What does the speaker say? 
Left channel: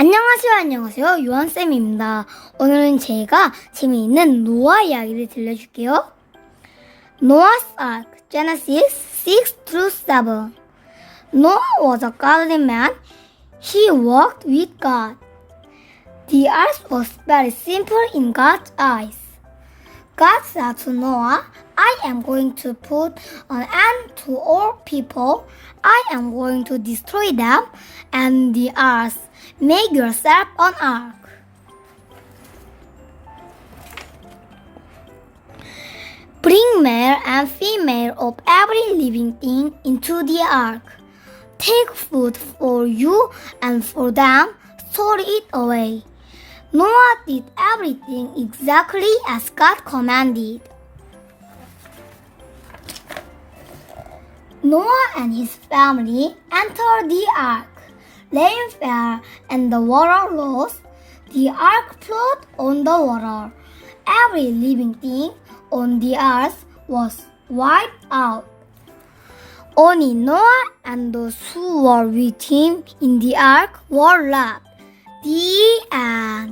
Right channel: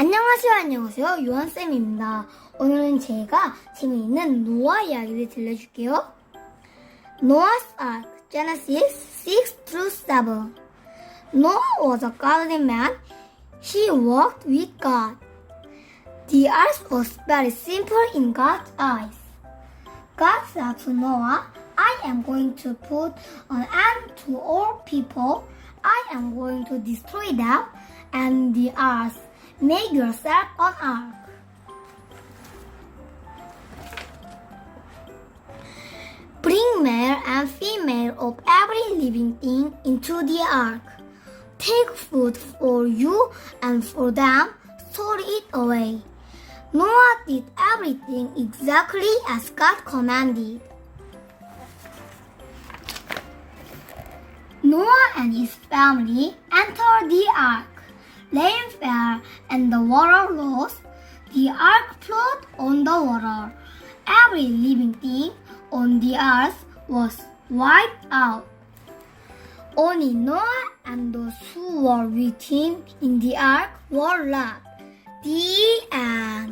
안녕하세요, 안녕하세요. 요한쌤입니다. 오늘은 제가 재미있는 노아 이야기를 들려줄게요. Noah's Ark, Genesis 6 through 7. Noah was a godly man. He walked with God. The ark was very simple in God's eyes. God said to Noah, I am going to put an end to all people. I am going to destroy them and the earth. Make yourself an ark. Bring male and female of every living thing into the ark. Take food for you and for them, store it away. Noah did everything exactly as God commanded. Noah and his family entered the ark. Fell and the water rose. The ark floated on the water. Every living thing on the earth was wiped out. Only Noah and those who were with him in the ark were left. The end.